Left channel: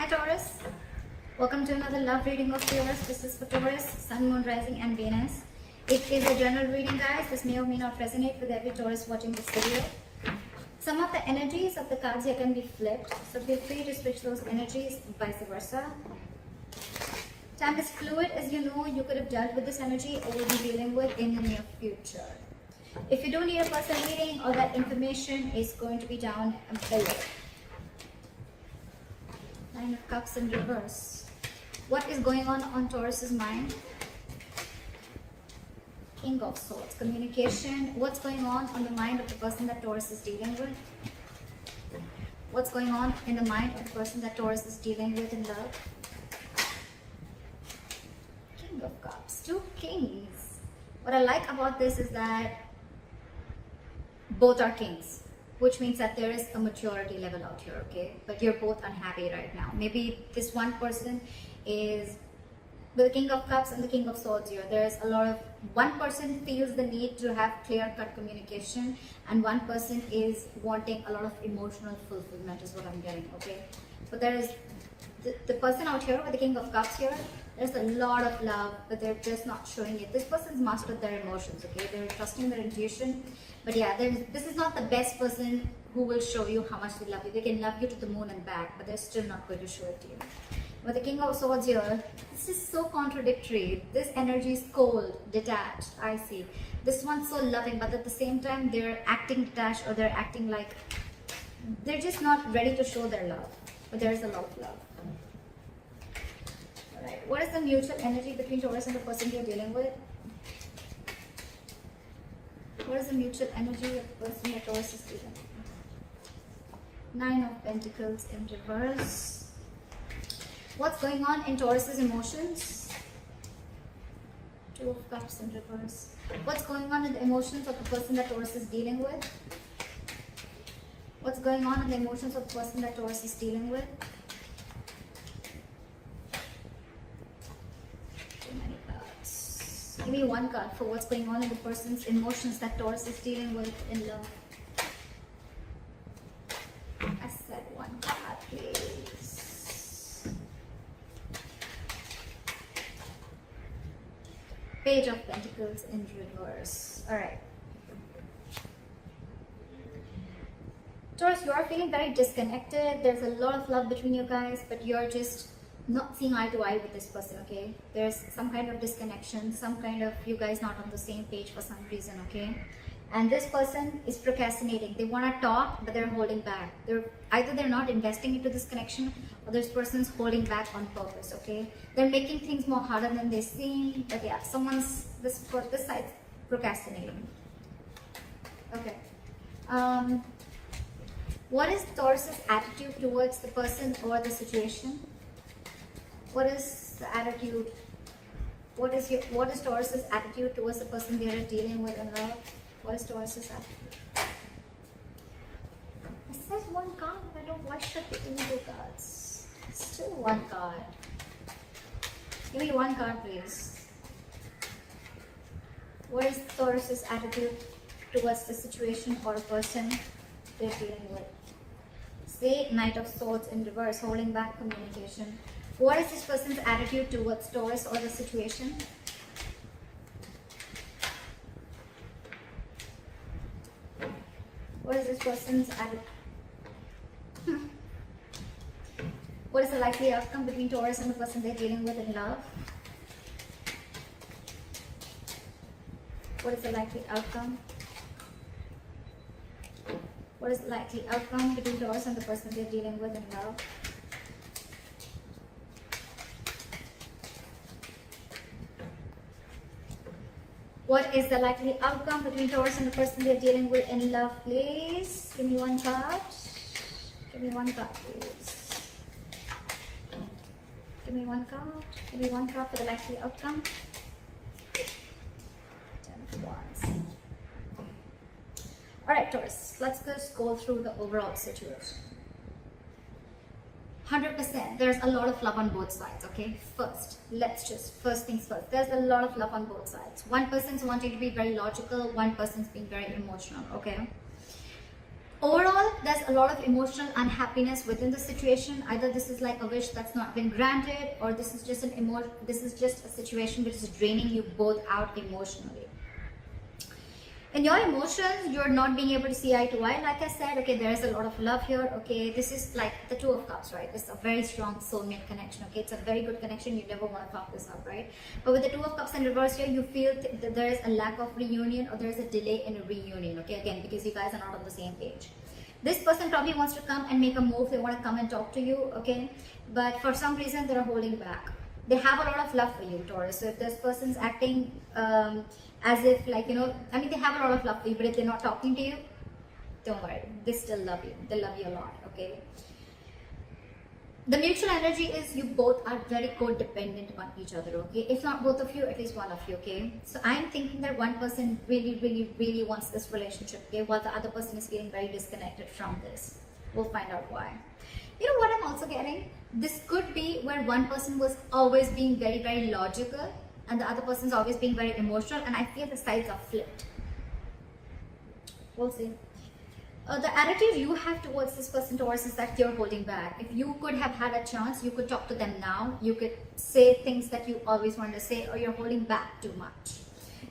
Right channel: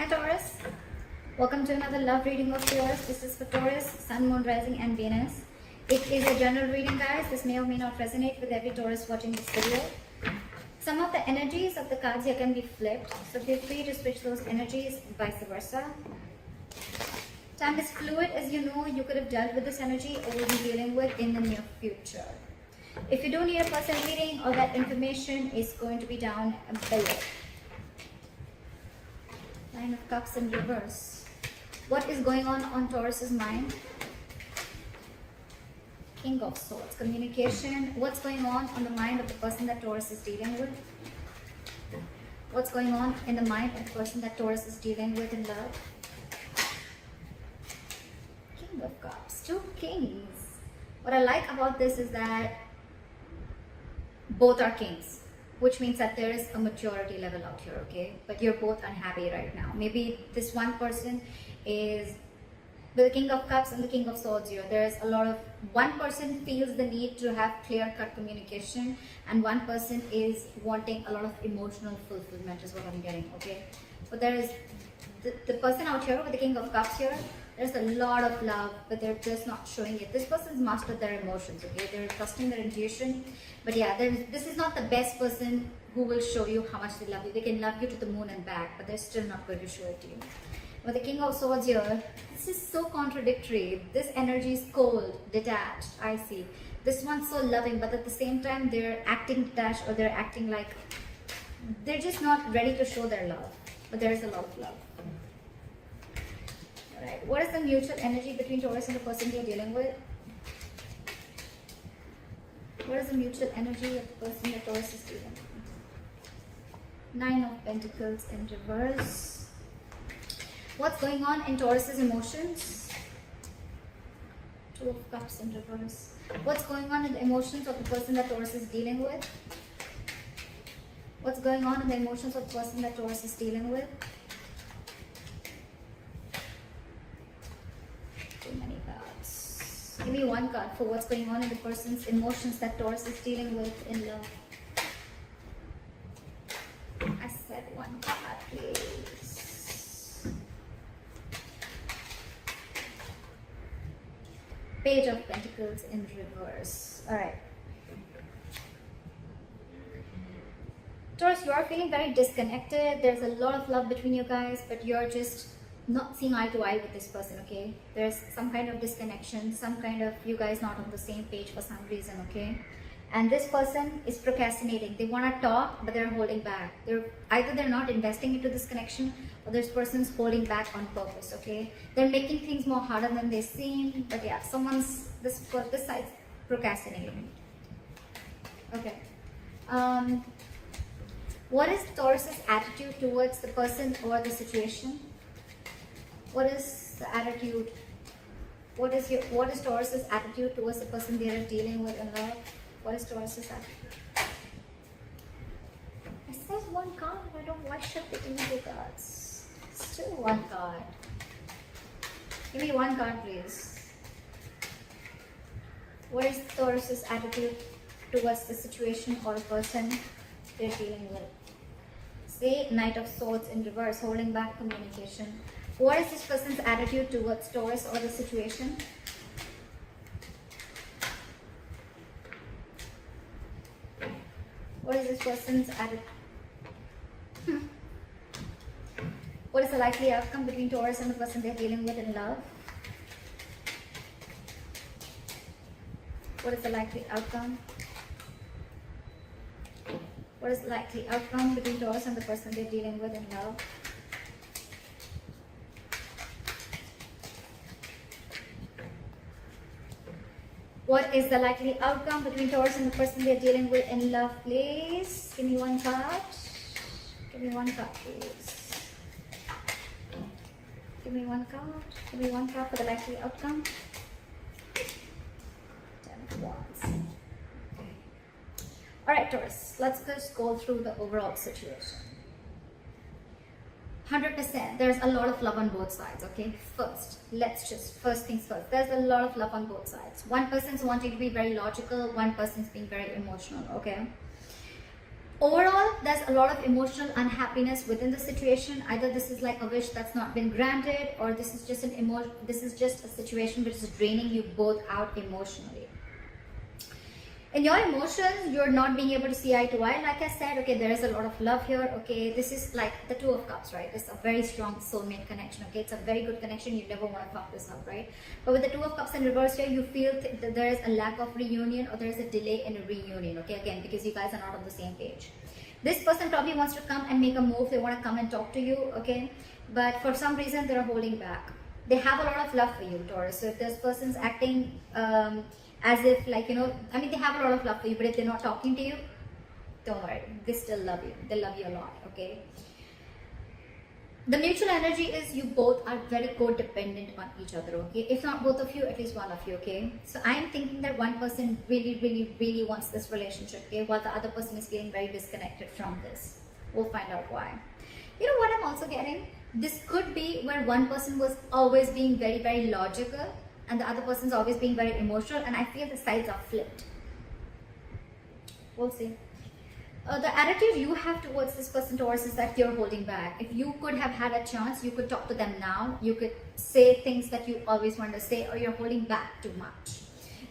Hi Taurus, welcome to another love reading of yours. This is for Taurus, Sun, Moon, Rising and Venus. It is a general reading, guys. This may or may not resonate with every Taurus watching this video. Some of the energies of the cards here can be flipped, so feel free to switch those energies, vice versa. Time is fluid, as you know. You could have dealt with this energy or will be dealing with in the near future. If you don't need a personal reading, all that information is going to be down below. Nine of Cups in reverse. What is going on Taurus's mind? King of Swords. Communication. What's going on the mind of the person that Taurus is dealing with? What's going on in the mind of the person that Taurus is dealing with in love? King of Cups. Two kings. What I like about this is that both are kings, which means that there is a maturity level out here, okay? But you're both unhappy right now. Maybe this one person is with the King of Cups and the King of Swords here. There's a lot of, one person feels the need to have clear-cut communication, and one person is wanting a lot of emotional fulfillment is what I'm getting, okay? But there is the person out here with the King of Cups here, there's a lot of love, but they're just not showing it. This person has mastered their emotions, okay? They're trusting their intuition. But yeah, this is not the best person who will show you how much they love you. They can love you to the moon and back, but they're still not going to show it to you. With the King of Swords here, this is so contradictory. This energy is cold, detached, I see. This one's so loving, but at the same time, they're acting detached, or they're acting like they're just not ready to show their love. But there is a lot of love. Alright, what is the mutual energy between Taurus and the person you're dealing with? What is the mutual energy of the person that Taurus is dealing with? Nine of Pentacles in reverse. What's going on in Taurus's emotions? Two of Cups in reverse. What's going on in the emotions of the person that Taurus is dealing with? What's going on in the emotions of the person that Taurus is dealing with? Too many cards. Give me one card for what's going on in the person's emotions that Taurus is dealing with in love. I said one card, please. Page of Pentacles in reverse. Alright. Taurus, you are feeling very disconnected. There's a lot of love between you guys, but you're just not seeing eye to eye with this person, okay? There's some kind of disconnection, some kind of you guys not on the same page for some reason, okay? And this person is procrastinating. They want to talk, but they're holding back. Either they're not investing into this connection, or this person's holding back on purpose, okay? They're making things more harder than they seem, but yeah, this side procrastinating. Okay. What is Taurus's attitude towards the person or the situation? What is the attitude? What is Taurus's attitude towards the person they are dealing with in love? What is Taurus's attitude? It says one card. I don't know why should they give me the cards. Still one card. Give me one card, please. What is Taurus's attitude towards the situation or person they're dealing with? See, Knight of Swords in reverse, holding back communication. What is this person's attitude towards Taurus or the situation? What is this person's attitude? What is the likely outcome between Taurus and the person they're dealing with in love? What is the likely outcome? What is the likely outcome between Taurus and the person they're dealing with in love? What is the likely outcome between Taurus and the person they're dealing with in love, please? Give me one card. Give me one card, please. Give me one card. Give me one card for the likely outcome. 10 of Wands. Alright, Taurus, let's just go through the overall situation. 100%. There's a lot of love on both sides, okay? First things first. There's a lot of love on both sides. One person's wanting to be very logical, one person's being very emotional, okay? Overall, there's a lot of emotional unhappiness within the situation. Either this is like a wish that's not been granted, or this is just this is just a situation which is draining you both out emotionally. In your emotions, you're not being able to see eye to eye. Like I said, okay, there is a lot of love here. Okay, this is like the Two of Cups, right? This is a very strong soulmate connection. Okay, it's a very good connection. You never want to fuck this up, right? But with the Two of Cups in reverse here, you feel that there is a lack of reunion, or there is a delay in a reunion. Okay, again, because you guys are not on the same page. This person probably wants to come and make a move. They want to come and talk to you. Okay, but for some reason they are holding back. They have a lot of love for you, Taurus. So if this person's acting as if, like, you know, I mean, they have a lot of love for you, but if they're not talking to you, don't worry, they still love you. They love you a lot. Okay, the mutual energy is you both are very codependent on each other. Okay, if not both of you, at least one of you. Okay, so I'm thinking that one person really wants this relationship, okay, while the other person is feeling very disconnected from this. We'll find out why. You know what I'm also getting? This could be where one person was always being very logical, and the other person's always being very emotional, and I feel the sides are flipped. We'll see. The attitude you have towards this person, Taurus, is that you're holding back. If you could have had a chance, you could talk to them now. You could say things that you always wanted to say, or you're holding back too much.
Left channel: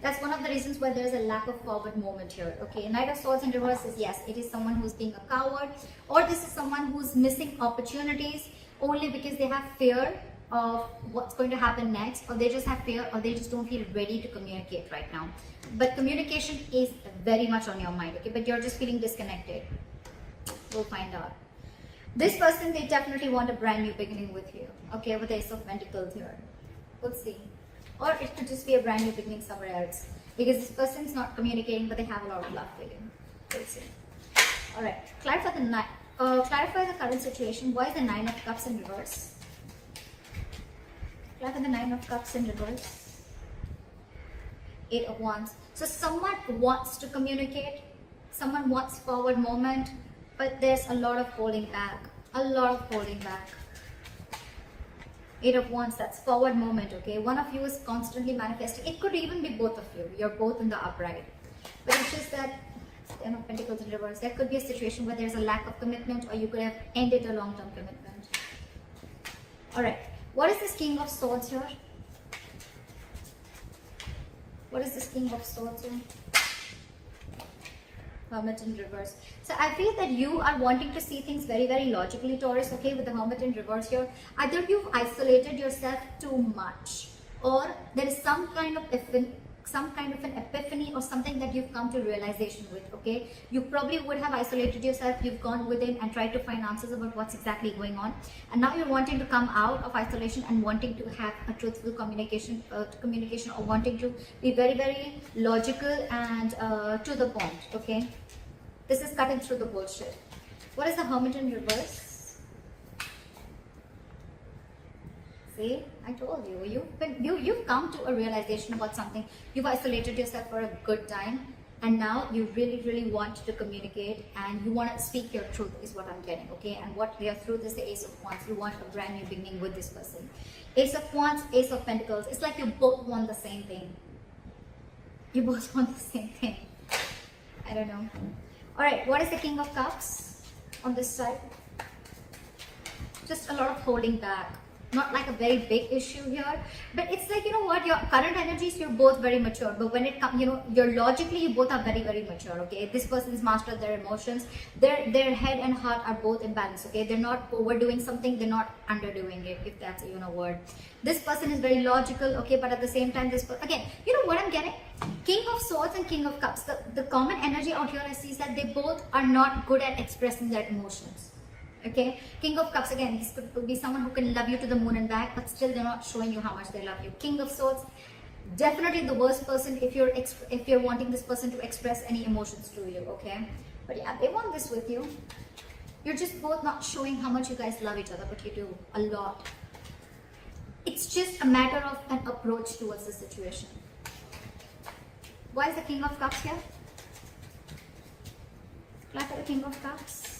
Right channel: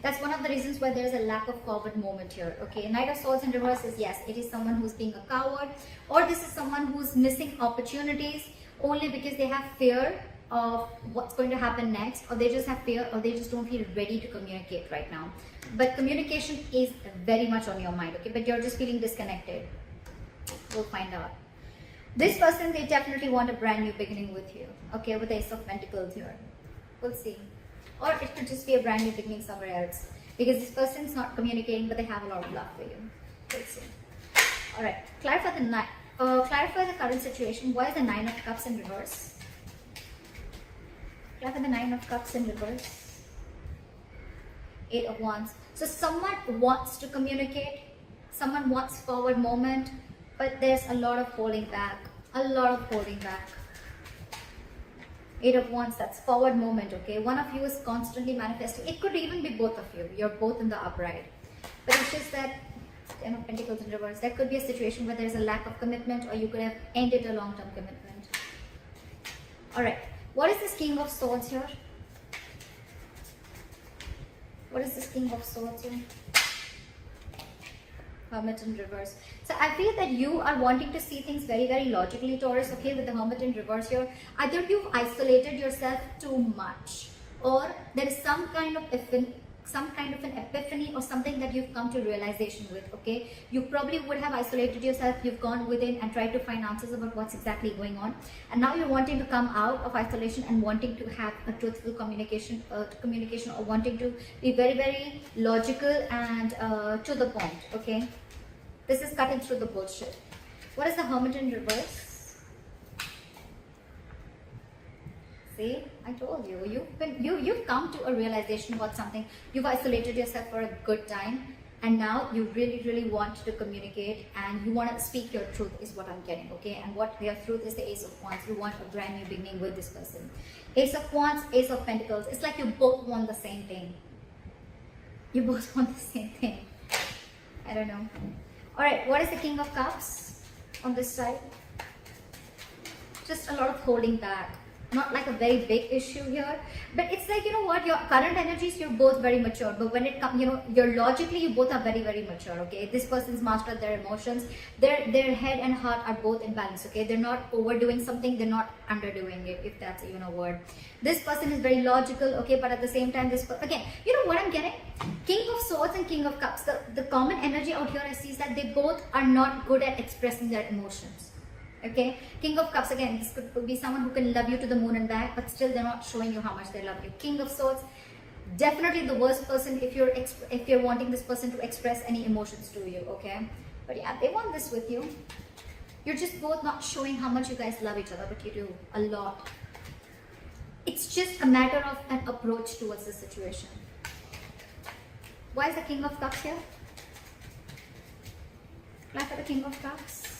That's one of the reasons why there is a lack of forward movement here. Okay, Knight of Swords in reverse is, yes, it is someone who's being a coward, or this is someone who's missing opportunities only because they have fear of what's going to happen next, or they just have fear, or they just don't feel ready to communicate right now. But communication is very much on your mind, okay, but you're just feeling disconnected. We'll find out. This person, they definitely want a brand new beginning with you, okay, with the Ace of Pentacles here. We'll see. Or it could just be a brand new beginning somewhere else, because this person's not communicating, but they have a lot of love for you. We'll see. Alright, clarify the current situation. Why is the Nine of Cups in reverse? Clarify the Nine of Cups in reverse. Eight of Wands. So someone wants to communicate, someone wants forward movement, but there's a lot of holding back. A lot of holding back. Eight of Wands, that's forward movement, okay? One of you is constantly manifesting. It could even be both of you. You're both in the upright. But it's just that Ten of Pentacles in reverse. There could be a situation where there's a lack of commitment, or you could have ended a long-term commitment. Alright. What is this King of Swords here? What is this King of Swords here? Hermit in reverse. So I feel that you are wanting to see things very logically, Taurus, okay, with the Hermit in reverse here. Either you've isolated yourself too much, or there is some kind of an epiphany or something that you've come to realization with, okay? You probably would have isolated yourself, you've gone within and tried to find answers about what's exactly going on, and now you're wanting to come out of isolation and wanting to have a truthful communication, or wanting to be very logical and to the point, okay? This is cutting through the bullshit. What is the Hermit in reverse? See, I told you, you've come to a realization about something. You've isolated yourself for a good time, and now you really want to communicate, and you want to speak your truth is what I'm getting, okay? And what your truth is the Ace of Wands. You want a brand new beginning with this person. Ace of Wands, Ace of Pentacles. It's like you both want the same thing. You both want the same thing. I don't know. Alright, what is the King of Cups on this side? Just a lot of holding back. Not like a very big issue here, but it's like, you know what, your current energies, you're both very mature, but when it comes, you know, you're logically, you both are very mature, okay? This person's mastered their emotions, their head and heart are both in balance, okay? They're not overdoing something, they're not underdoing it, if that's even a word. This person is very logical, okay, but at the same time, again, you know what I'm getting? King of Swords and King of Cups, the common energy out here I see is that they both are not good at expressing their emotions. Okay, King of Cups, again, this could be someone who can love you to the moon and back, but still they're not showing you how much they love you. King of Swords, definitely the worst person if you're wanting this person to express any emotions to you, okay? But yeah, they want this with you. You're just both not showing how much you guys love each other, but you do a lot. It's just a matter of an approach towards the situation. Why is the King of Cups here? Clap at the King of Cups.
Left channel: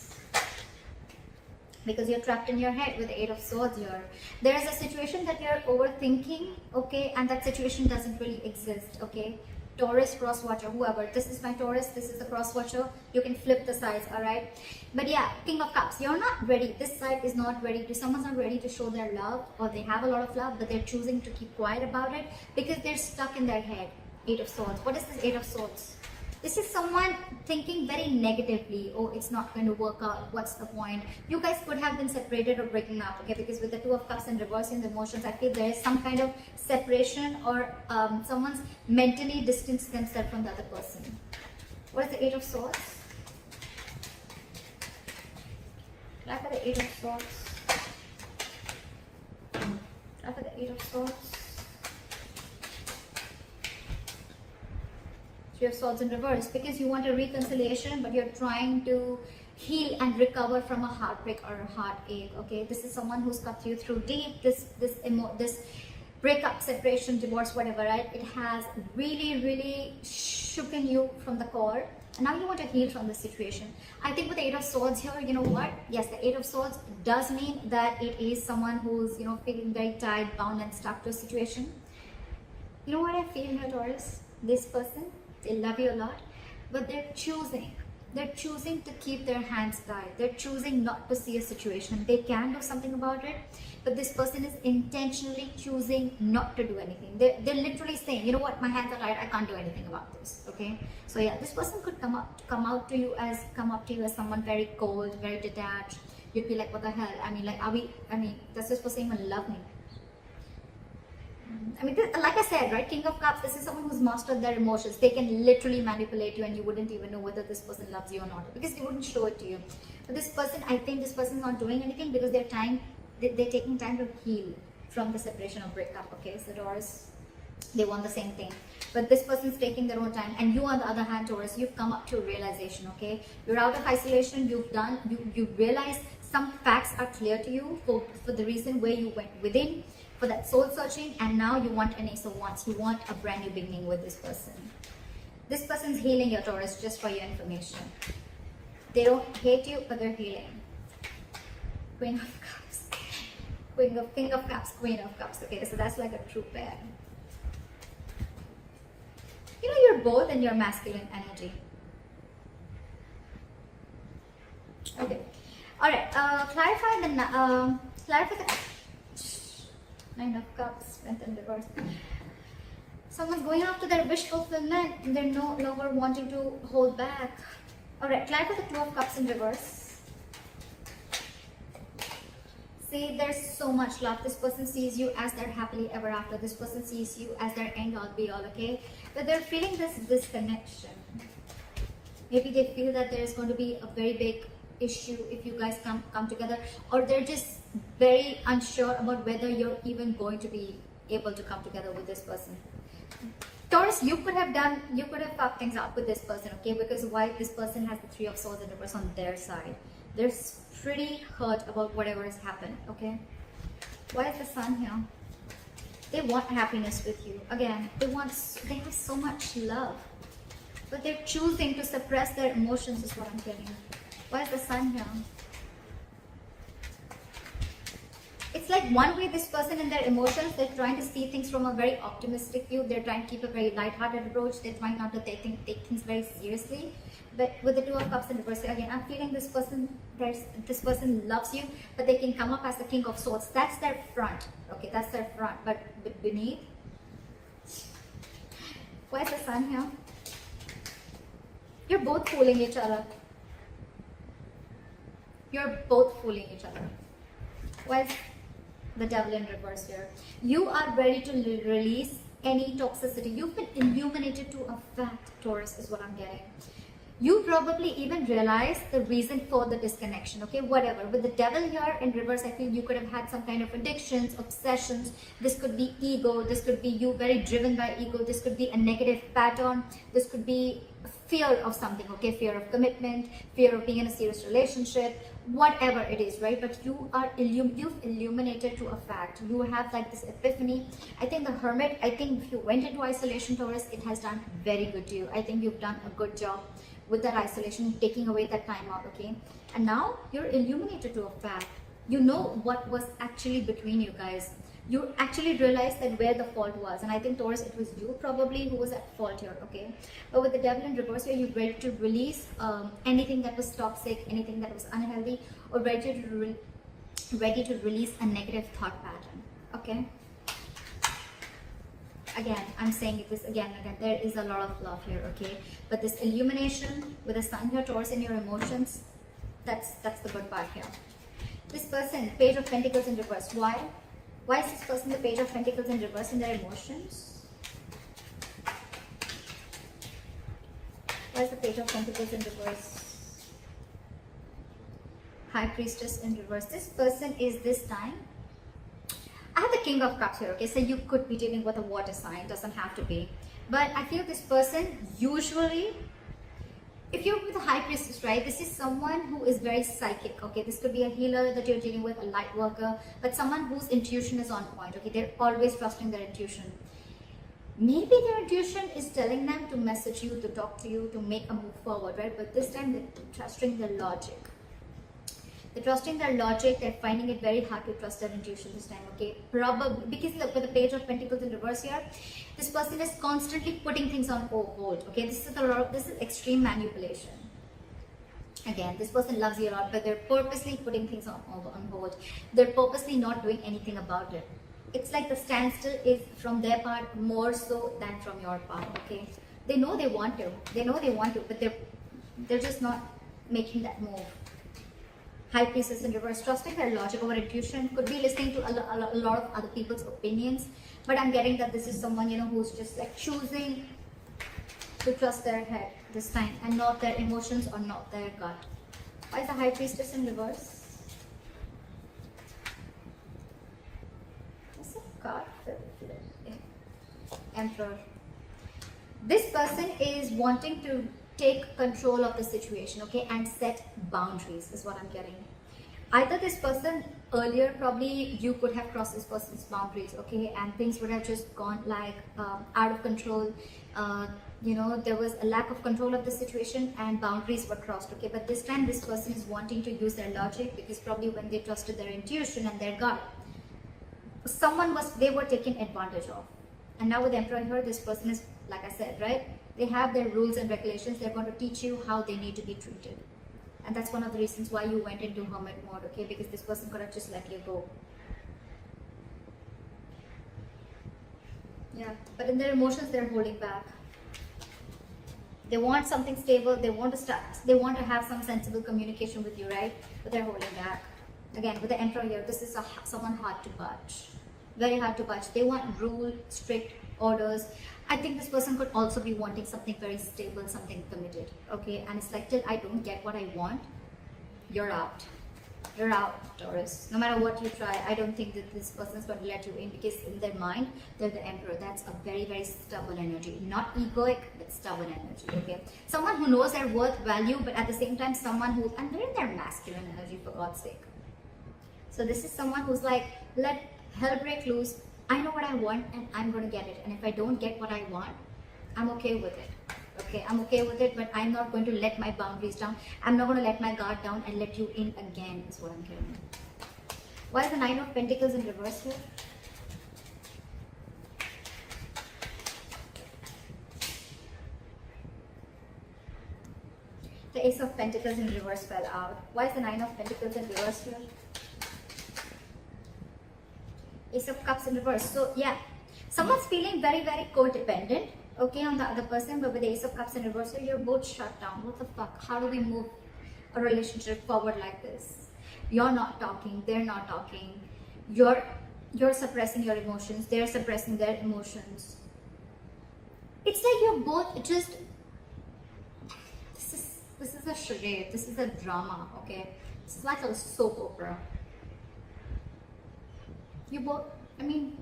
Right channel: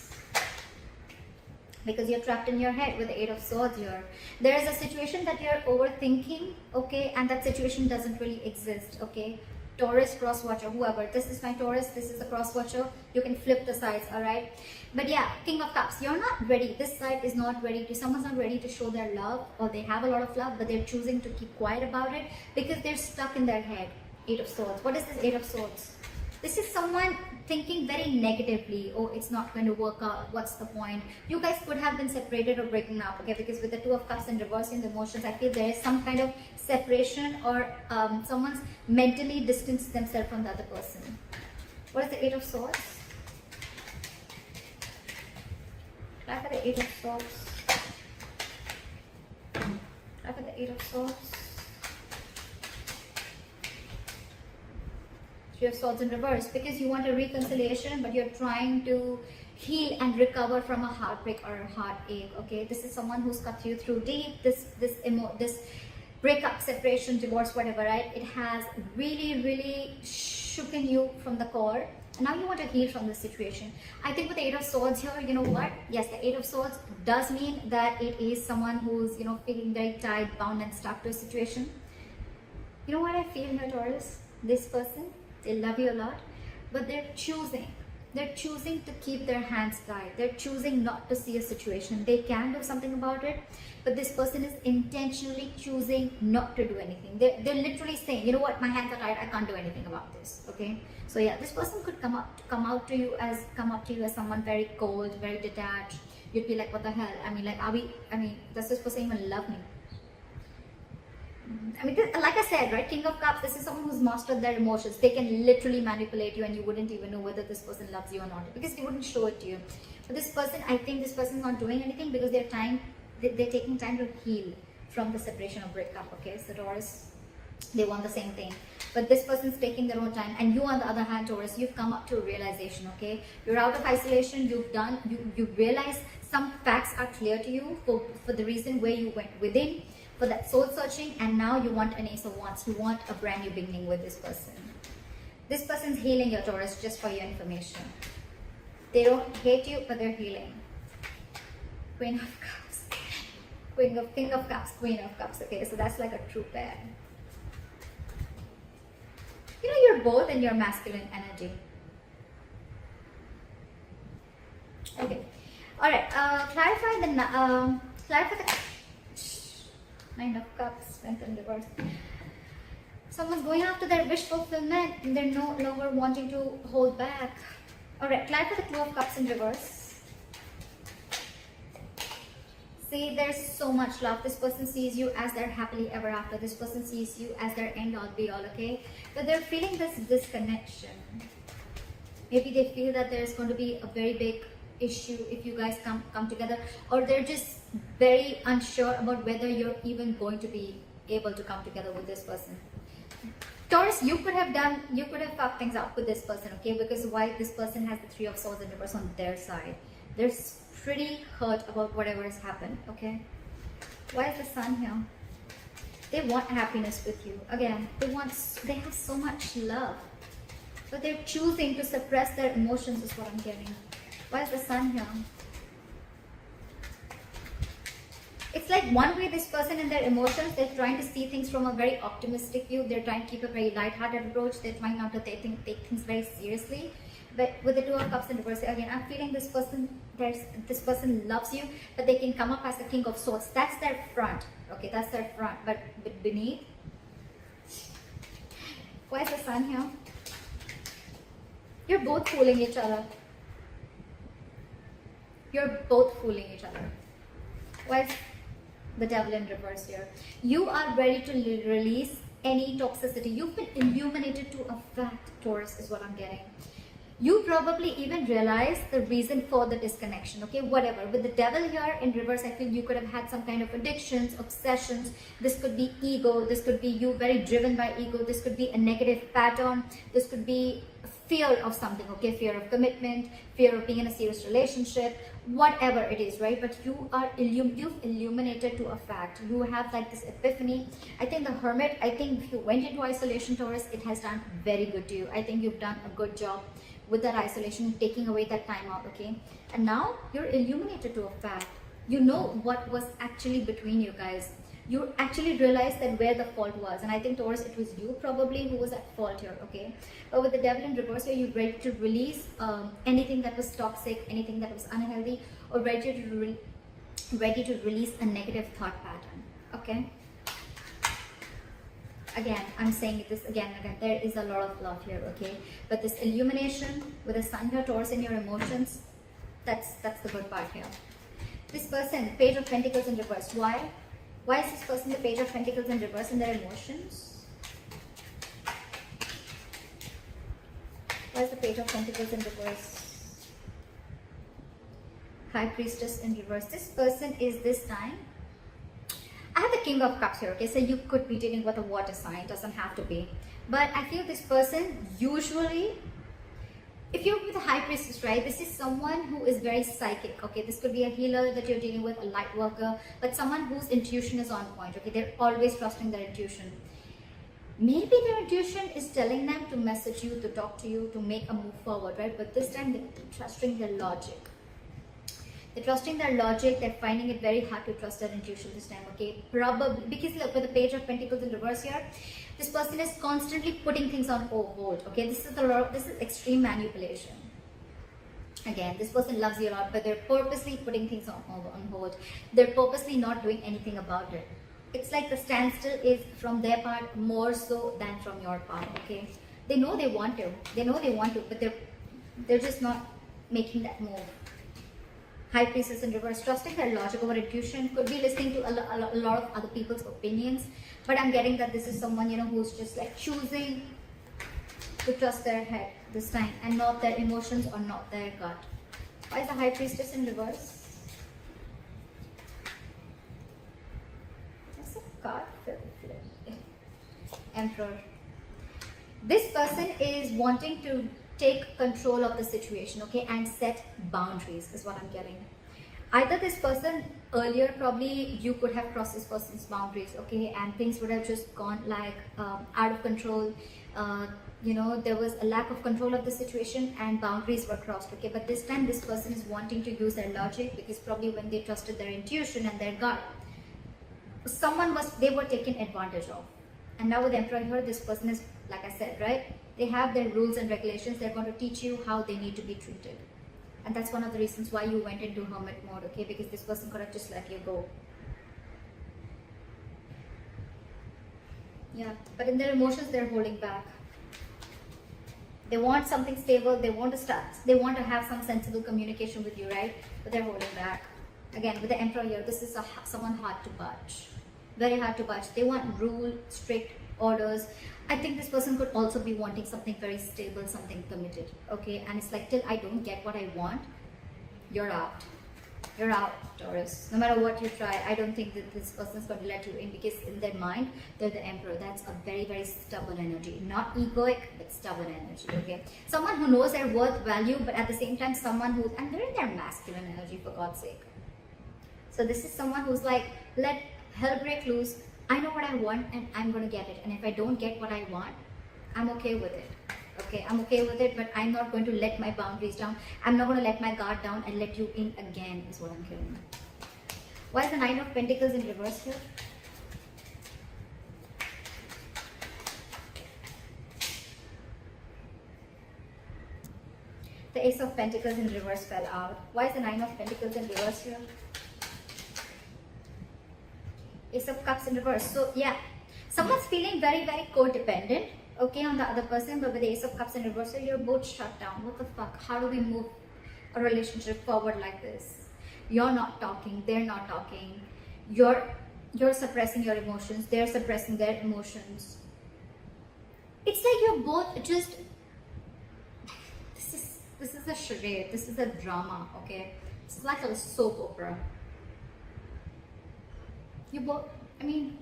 Because you're trapped in your head with the Eight of Swords here. There is a situation that you're overthinking, okay, and that situation doesn't really exist, okay. Taurus cross watcher, whoever. This is my Taurus, this is the cross watcher. You can flip the sides, alright? But yeah, King of Cups, you're not ready. This side is not ready. Someone's not ready to show their love, or they have a lot of love, but they're choosing to keep quiet about it because they're stuck in their head. Eight of Swords. What is this Eight of Swords? This is someone thinking very negatively. Oh, it's not going to work out. What's the point? You guys could have been separated or breaking up, okay? Because with the Two of Cups and reversing the emotions, I feel there is some kind of separation, or someone's mentally distanced themselves from the other person. What is the Eight of Swords? Try for the Eight of Swords. Try for the Eight of Swords. Three of Swords in reverse, because you want a reconciliation, but you're trying to heal and recover from a heartbreak or a heartache. Okay, this is someone who's cut you through deep. This breakup, separation, divorce, whatever, right? It has really shooken you from the core, and now you want to heal from this situation. I think with the Eight of Swords here, you know what? Yes, the Eight of Swords does mean that it is someone who's, you know, feeling very tied, bound, and stuck to a situation. You know what I feel here, Taurus? This person, they love you a lot, but they're choosing to keep their hands tied. They're choosing not to see a situation. They can do something about it, but this person is intentionally choosing not to do anything. They're literally saying, you know what, my hands are tied, I can't do anything about this. Okay, so yeah, this person could come up to you as someone very cold, very detached. You'd be like, what the hell? I mean, does this person even love me? I mean, like I said, right, King of Cups, this is someone who's mastered their emotions. They can literally manipulate you, and you wouldn't even know whether this person loves you or not, because they wouldn't show it to you. But this person, I think this person is not doing anything because they're taking time to heal from the separation or breakup. Okay, so Taurus, they want the same thing, but this person's taking their own time. And you, on the other hand, Taurus, you've come up to a realization. Okay, you're out of isolation. You realize some facts are clear to you for the reason where you went within, for that soul searching, and now you want an Ace of Wands. You want a brand new beginning with this person. This person's healing your Taurus, just for your information. They don't hate you, but they're healing. Queen of Cups. King of Cups, Queen of Cups. Okay, so that's like a true pair. You know, you're both in your masculine energy. Okay. Alright, clarify the Nine of Cups, Strength in reverse. Someone's going after their wish fulfillment, and they're no longer wanting to hold back. Alright, clarify the Two of Cups in reverse. See, there's so much love. This person sees you as their happily ever after. This person sees you as their end all be all, okay? But they're feeling this disconnection. Maybe they feel that there's going to be a very big issue if you guys come together, or they're just very unsure about whether you're even going to be able to come together with this person. Taurus, you could have fucked things up with this person, okay? Because why? This person has the Three of Swords in reverse on their side. They're pretty hurt about whatever has happened, okay? Why is the Sun here? They want happiness with you. Again, they have so much love, but they're choosing to suppress their emotions, is what I'm hearing. Why is the Sun here? It's like one way this person in their emotions, they're trying to see things from a very optimistic view. They're trying to keep a very light-hearted approach. They're trying not to take things very seriously. But with the Two of Cups in reverse, again, I'm feeling this person loves you, but they can come up as the King of Swords. That's their front. Okay, that's their front. But beneath, why is the Sun here? You're both fooling each other. You're both fooling each other. Why is the Devil in reverse here? You are ready to release any toxicity. You've been illuminated to a fact, Taurus, is what I'm getting. You probably even realize the reason for the disconnection, okay? Whatever. With the Devil here in reverse, I feel you could have had some kind of addictions, obsessions. This could be ego. This could be you very driven by ego. This could be a negative pattern. This could be fear of something, okay? Fear of commitment, fear of being in a serious relationship, whatever it is, right? But you've illuminated to a fact. You have like this epiphany. I think the Hermit, I think if you went into isolation, Taurus, it has done very good to you. I think you've done a good job with that isolation, taking away that time out, okay? And now you're illuminated to a fact. You know what was actually between you guys. you actually realize that where the fault was. And I think Taurus, it was you probably who was at fault here, okay? But with the devil in reverse here, you're ready to release anything that was toxic, anything that was unhealthy, or ready to release a negative thought pattern, okay? Again, I'm saying this again and again, there is a lot of love here, okay? But this illumination with the sun here, Taurus, in your emotions, that's the good part here. This person, Page of Pentacles in reverse. Why? Why is this person the Page of Pentacles in reverse in their emotions? Why is the Page of Pentacles in reverse? High Priestess in reverse. This person is this time. I have the King of Cups here, okay? So you could be dealing with a water sign, doesn't have to be. But I feel this person usually, if you're with a High Priestess, right, this is someone who is very psychic, okay? This could be a healer that you're dealing with, a light worker, but someone whose intuition is on point, okay? They're always trusting their intuition. Maybe their intuition is telling them to message you, to talk to you, to make a move forward, right? But this time they're trusting their logic. They're trusting their logic, they're finding it very hard to trust their intuition this time, okay? Probably, because look, with the Page of Pentacles in reverse here, this person is constantly putting things on hold, okay? This is extreme manipulation. Again, this person loves you a lot, but they're purposely putting things on hold. They're purposely not doing anything about it. It's like the standstill is from their part more so than from your part, okay? They know they want to, but they're just not making that move. High Priestess in reverse, trusting their logic over intuition, could be listening to a lot of other people's opinions, but I'm getting that this is someone, you know, who's just like choosing to trust their head this time and not their emotions or not their gut. Why is the High Priestess in reverse? What's a card? Emperor. This person is wanting to take control of the situation, okay, and set boundaries is what I'm getting. Either this person earlier, probably you could have crossed this person's boundaries, okay, and things would have just gone like out of control. You know, there was a lack of control of the situation and boundaries were crossed, okay? But this time this person is wanting to use their logic, because probably when they trusted their intuition and their gut, they were taken advantage of. And now with the Emperor here, this person is, like I said, right? They have their rules and regulations. They're going to teach you how they need to be treated. And that's one of the reasons why you went into hermit mode, okay? Because this person could have just let you go. Yeah, but in their emotions, they're holding back. They want something stable. They want to start. They want to have some sensible communication with you, right? But they're holding back. Again, with the Emperor here, this is someone hard to budge. Very hard to budge. They want rule, strict orders. I think this person could also be wanting something very stable, something committed, okay? And it's like, till I don't get what I want, you're out. You're out, Taurus. No matter what you try, I don't think that this person's going to let you in, because in their mind, they're the Emperor. That's a very, very stubborn energy. Not egoic, but stubborn energy, okay? Someone who knows their worth, value, but at the same time, someone who's, and they're in their masculine energy, for God's sake. So this is someone who's like, let hell break loose. I know what I want and I'm going to get it. And if I don't get what I want, I'm okay with it. Okay, I'm okay with it, but I'm not going to let my boundaries down. I'm not going to let my guard down and let you in again, is what I'm hearing. Why is the Knight of Pentacles in reverse here? The Ace of Pentacles in reverse fell out. Why is the Nine of Pentacles in reverse here? Ace of Cups in reverse. So yeah, someone's feeling very, very codependent, okay, on the other person, but with the Ace of Cups in reverse, so you're both shut down. What the fuck? How do we move a relationship forward like this? You're not talking, they're not talking. You're suppressing your emotions, they're suppressing their emotions. It's like you're both just, this is a charade, this is a drama, okay? This is like a soap opera. You both, I mean,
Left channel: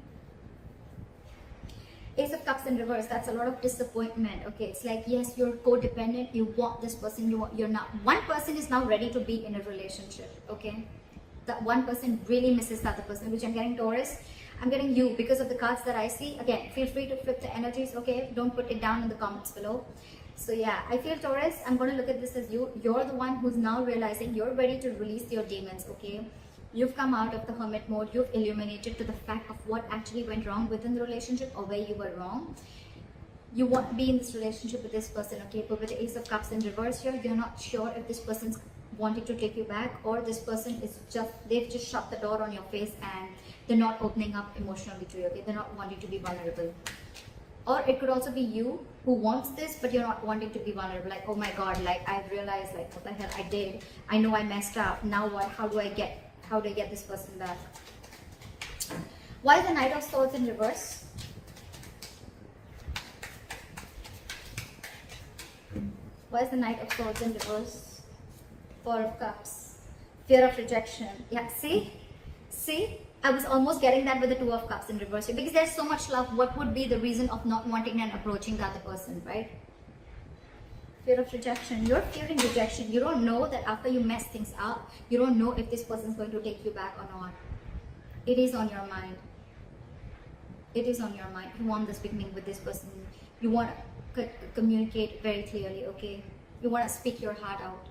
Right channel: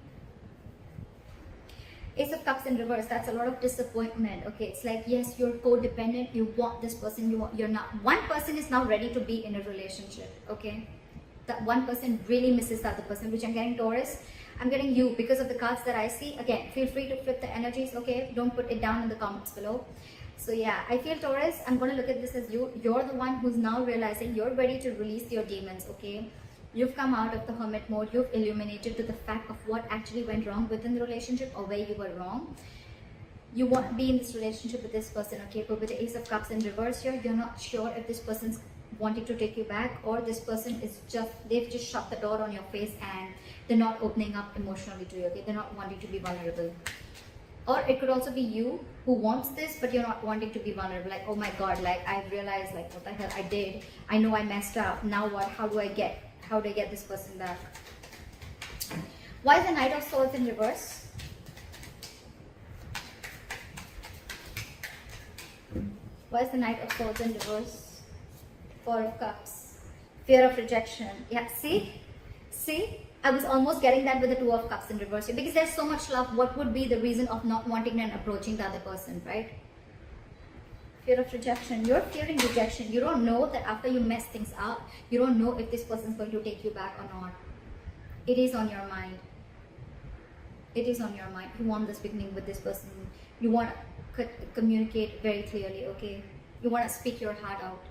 Ace of Cups in reverse, that's a lot of disappointment, okay? It's like, yes, you're codependent, you want this person, you're not. One person is now ready to be in a relationship, okay? That one person really misses the other person, which I'm getting Taurus. I'm getting you because of the cards that I see. Again, feel free to flip the energies, okay? Don't put it down in the comments below. So yeah, I feel Taurus, I'm going to look at this as you're the one who's now realizing you're ready to release your demons, okay? You've come out of the hermit mode. You've illuminated to the fact of what actually went wrong within the relationship or where you were wrong. You want to be in this relationship with this person, okay? But with the Ace of Cups in reverse here, you're not sure if this person's wanting to take you back, or this person is just, they've just shut the door on your face and they're not opening up emotionally to you, okay? They're not wanting to be vulnerable. Or it could also be you who wants this, but you're not wanting to be vulnerable. Like, oh my God, like I realized like what the hell I did. I know I messed up. Now what? How do I get this person back? Why is the Knight of Swords in reverse? Why is the Knight of Swords in reverse? Four of Cups. Fear of rejection. Yeah, see? See? I was almost getting that with the Two of Cups in reverse. Because there's so much love. What would be the reason of not wanting and approaching the other person, right? Fear of rejection. You're fearing rejection. You don't know that after you mess things up, you don't know if this person is going to take you back or not. It is on your mind. It is on your mind. You want this beginning with this person. You want to communicate very clearly, okay? You want to speak your heart out.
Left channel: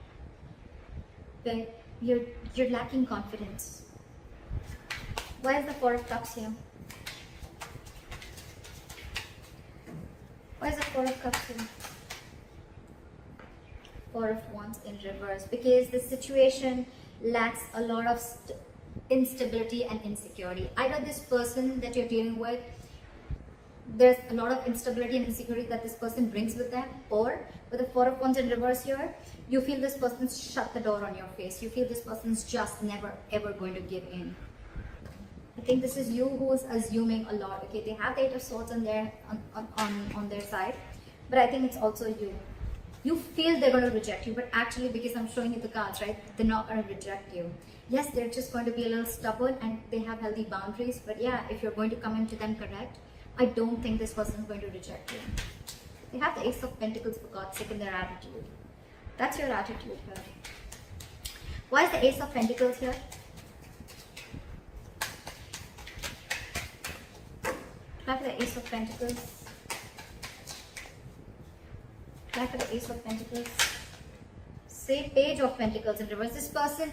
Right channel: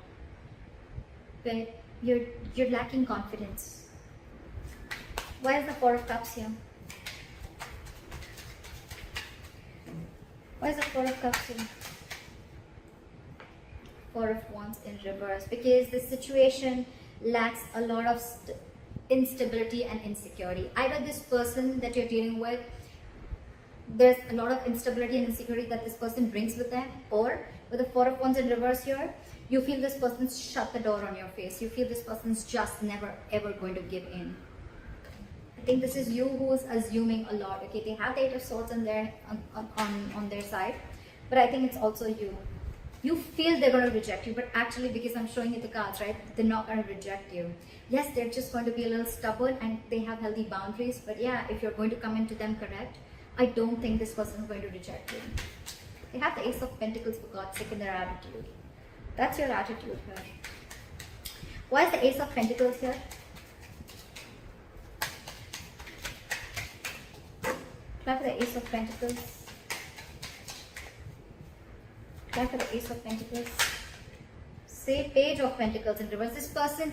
But you're lacking confidence. Why is the Four of Cups here? Why is the Four of Cups here? Four of Wands in reverse. Because the situation lacks a lot of instability and insecurity. Either this person that you're dealing with, there's a lot of instability and insecurity that this person brings with them, or with the Four of Wands in reverse here, you feel this person's shut the door on your face. You feel this person's just never ever going to give in. I think this is you who is assuming a lot. Okay, they have the Eight of Swords on their side, but I think it's also you. You feel they're going to reject you, but actually, because I'm showing you the cards, right, they're not going to reject you. Yes, they're just going to be a little stubborn and they have healthy boundaries, but yeah, if you're going to come into them correct, I don't think this person is going to reject you. They have the Ace of Pentacles, for God's sake, in their attitude. That's your attitude, right? Why is the Ace of Pentacles here? Try for the Ace of Pentacles. Try for the Ace of Pentacles. Say Page of Pentacles in reverse. This person,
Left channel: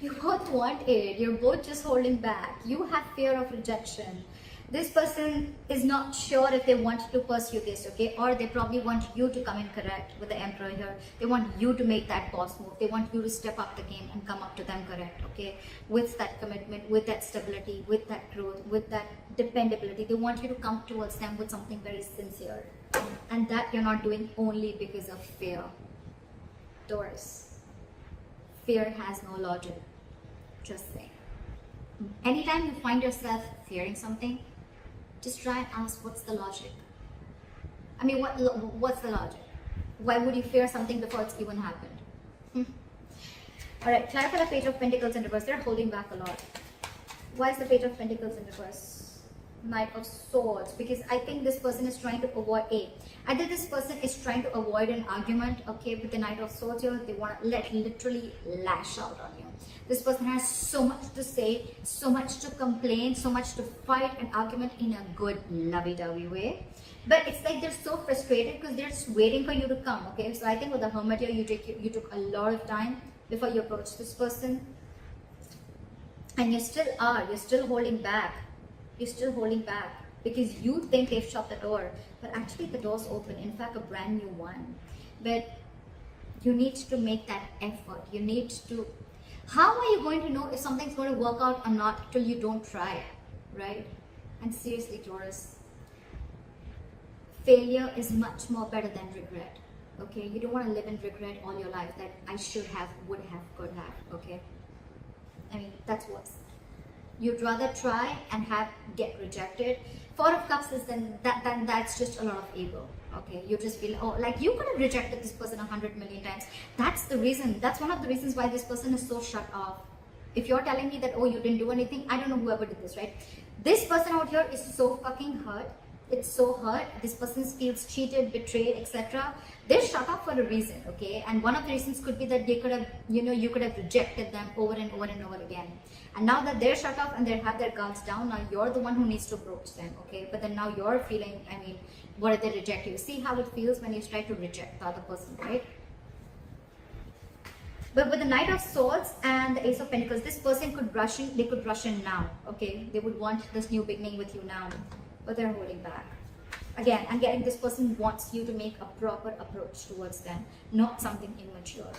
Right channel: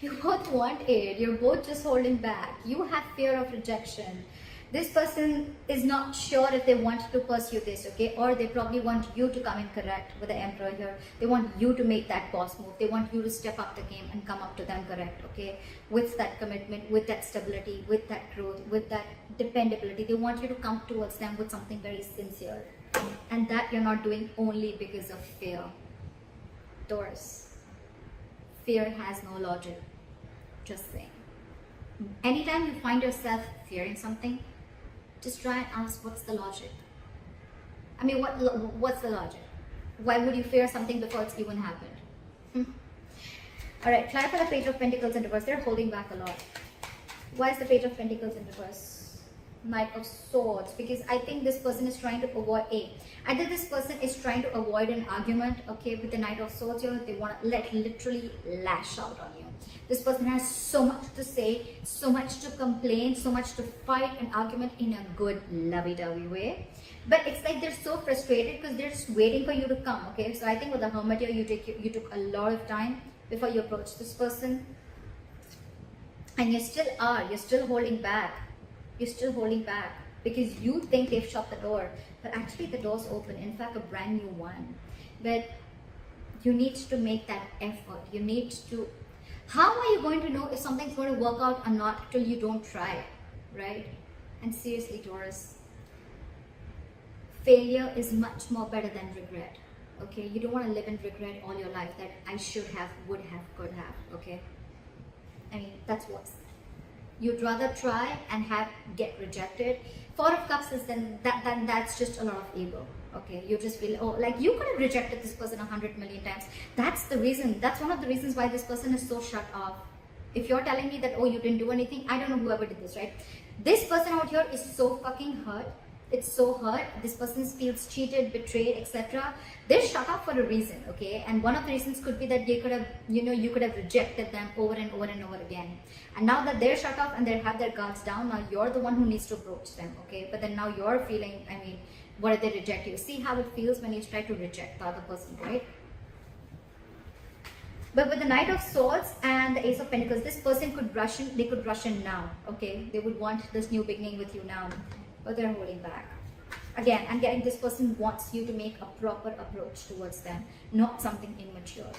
you both want it. You're both just holding back. You have fear of rejection. This person is not sure if they want to pursue this, okay? Or they probably want you to come in correct with the Emperor here. They want you to make that boss move. They want you to step up the game and come up to them correct, okay? With that commitment, with that stability, with that growth, with that dependability. They want you to come towards them with something very sincere. And that you're not doing only because of fear. Taurus. Fear has no logic. Just saying. Anytime you find yourself fearing something, just try and ask, what's the logic? I mean, what's the logic? Why would you fear something before it's even happened? Alright, try for the Page of Pentacles in reverse. They're holding back a lot. Why is the Page of Pentacles in reverse? Knight of Swords. Because I think this person is trying to avoid either this person is trying to avoid an argument, okay, with the Knight of Swords here. They want to literally lash out on you. This person has so much to say, so much to complain, so much to fight an argument in a good, lovey-dovey way. But it's like they're so frustrated because they're just waiting for you to come, okay? So I think with the Hermit here, you took a lot of time before you approached this person. And you still are. You're still holding back. You're still holding back because you think they've shut the door. But actually the door's open. In fact, a brand new one. But you need to make that effort. You need to... How are you going to know if something's going to work out or not till you don't try, right? And seriously, Taurus, failure is much more better than regret, okay? You don't want to live in regret all your life that I should have, would have, could have, okay? I mean, that's worse. You'd rather try and get rejected. Four of Cups is then that's just a lot of ego. Okay, you just feel, oh, like you could have rejected this person 100 million times. That's the reason. That's one of the reasons why this person is so shut off. If you're telling me that, oh, you didn't do anything, I don't know whoever did this, right? This person out here is so fucking hurt. It's so hurt. This person feels cheated, betrayed, etc. They're shut off for a reason, okay? And one of the reasons could be that they could have, you could have rejected them over and over and over again. And now that they're shut off and they have their guards down, now you're the one who needs to approach them, okay? But then now you're feeling, I mean, what if they reject you? See how it feels when you try to reject the other person, right? But with the Knight of Swords and the Ace of Pentacles, this person could rush in. They could rush in now. Okay, they would want this new beginning with you now, but they're holding back. Again, I'm getting this person wants you to make a proper approach towards them, not something immature.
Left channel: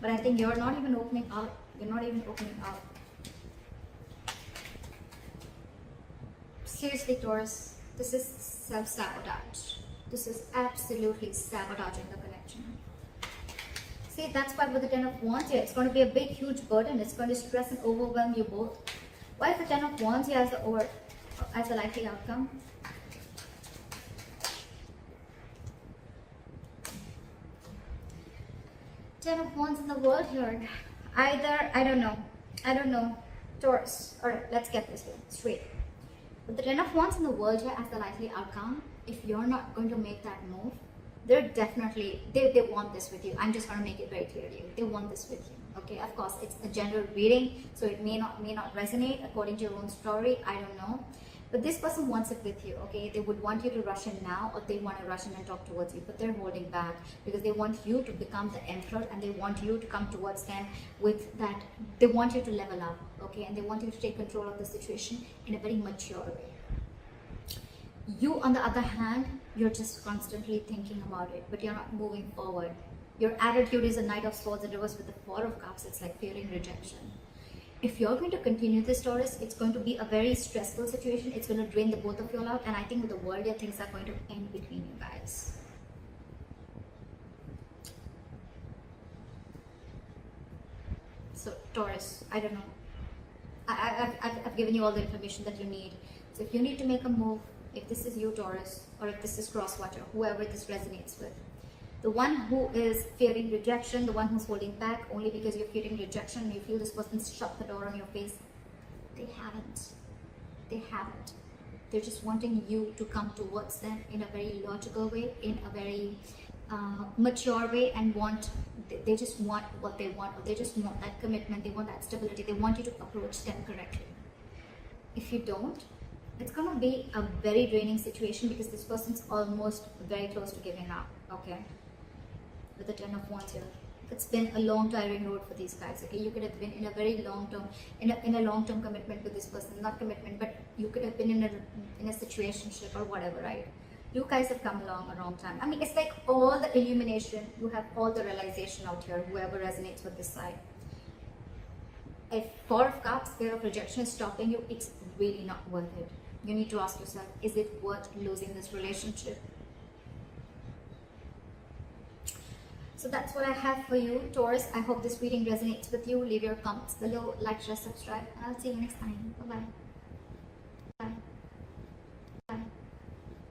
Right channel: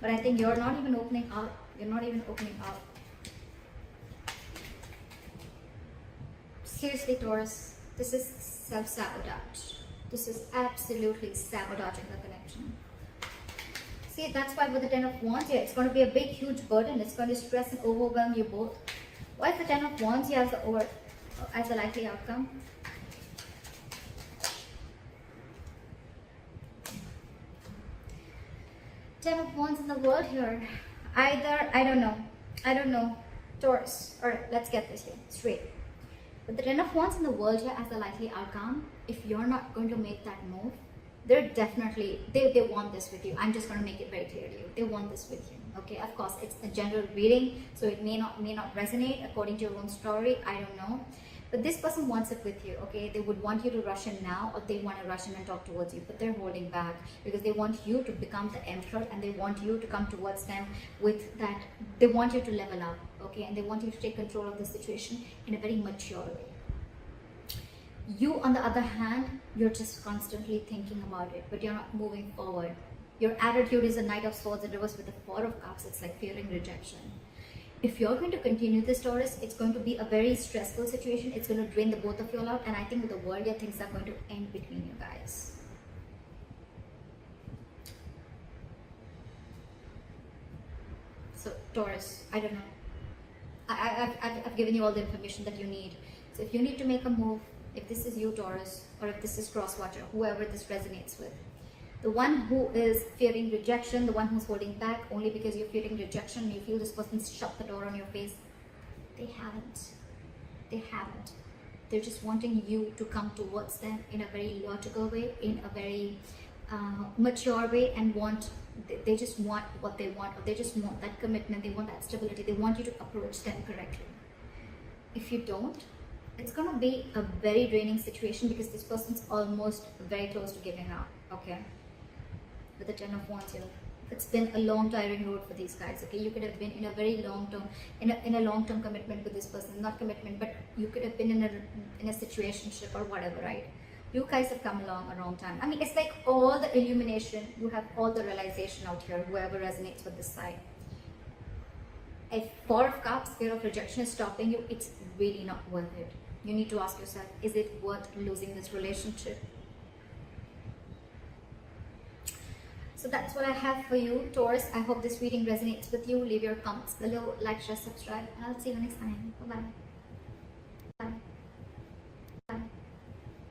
But I think you're not even opening up. You're not even opening up. Seriously, Taurus, this is self-sabotage. This is absolutely sabotaging the connection. See, that's why with the Ten of Wands here, it's going to be a big, huge burden. It's going to stress and overwhelm you both. Why is the Ten of Wands here as a likely outcome? Ten of Wands in the world here. Either, I don't know, Taurus. Alright, let's get this straight. But the Ten of Wands in the world here as the likely outcome, if you're not going to make that move, they're definitely, they want this with you. I'm just going to make it very clear to you. They want this with you. Okay, of course, it's a general reading, so it may not resonate according to your own story. I don't know. But this person wants it with you, okay? They would want you to rush in now, or they want to rush in and talk towards you, but they're holding back because they want you to become the emperor, and they want you to come towards them with that. They want you to level up, okay? And they want you to take control of the situation in a very mature way. You, on the other hand, you're just constantly thinking about it, but you're not moving forward. Your attitude is a Knight of Swords, and it was with the Four of Cups. It's like fearing rejection. If you're going to continue this, Taurus, it's going to be a very stressful situation. It's going to drain the both of you out, and I think with the world, things are going to end between you guys. So, Taurus, I don't know. I've given you all the information that you need. So, if you need to make a move, if this is you, Taurus, or if this is Crosswatcher, whoever this resonates with, the one who is fearing rejection, the one who's holding back only because you're fearing rejection, you feel this person's shut the door on your face, they haven't. They haven't. They're just wanting you to come towards them in a very logical way, in a very mature way, and they just want what they want, or they just want that commitment, they want that stability, they want you to approach them correctly. If you don't, it's going to be a very draining situation because this person's almost very close to giving up, okay? With the Ten of Wands here, it's been a long tiring road for these guys, okay? You could have been in a very long term, in a long term commitment with this person, not commitment, but you could have been in a situationship or whatever, right? You guys have come along a long time. I mean, it's like all the illumination, you have all the realization out here, whoever resonates with this side. If Four of Cups, fear of rejection is stopping you, it's really not worth it. You need to ask yourself, is it worth losing this relationship? So that's what I have for you, Taurus. I hope this reading resonates with you. Leave your comments below, like, share, subscribe, and I'll see you next time. Bye-bye.